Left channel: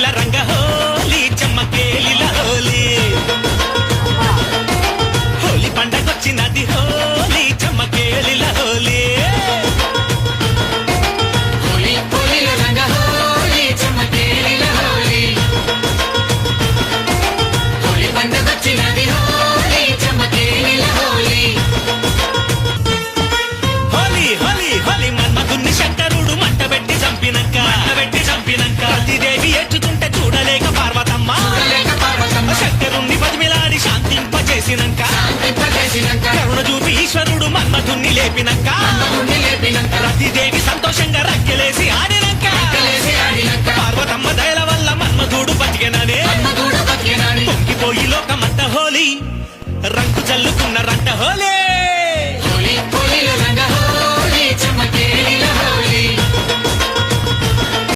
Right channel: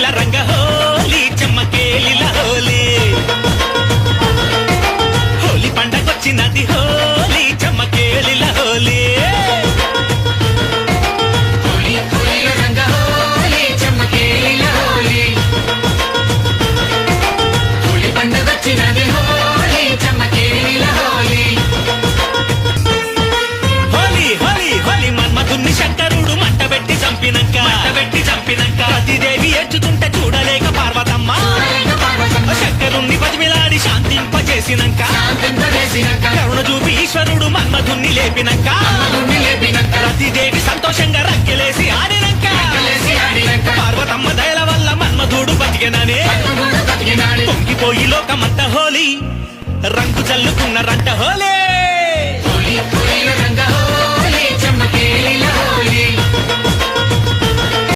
హోలీల రంగ హోలీ చెమ్మకేలిల హోలీ హోలీ పండగొచ్చినది హోలీ చెమ్మకేలిల హోలీ శంకరుడు మంట పెట్టి చంపినంక ప్రతిదేవి ఎత్తుతుంటే చూడలేక పార్వతమ్మ శంకరుణ్ణి బతిమిలాడి శాంతింపజేసినంక కరుణ చూపి ఈశ్వరుడు మన్మధుణ్ణి లేపినంక ప్రతిదేవి సంతోషంగా రక్కెలేసి ఆడినంక పార్వతమ్మ దయల వల్ల మన్మధుడు బతికెననే పొంగిపోయి లోకమంత హోలీ రంగు చల్లుకున్న రంట హోలే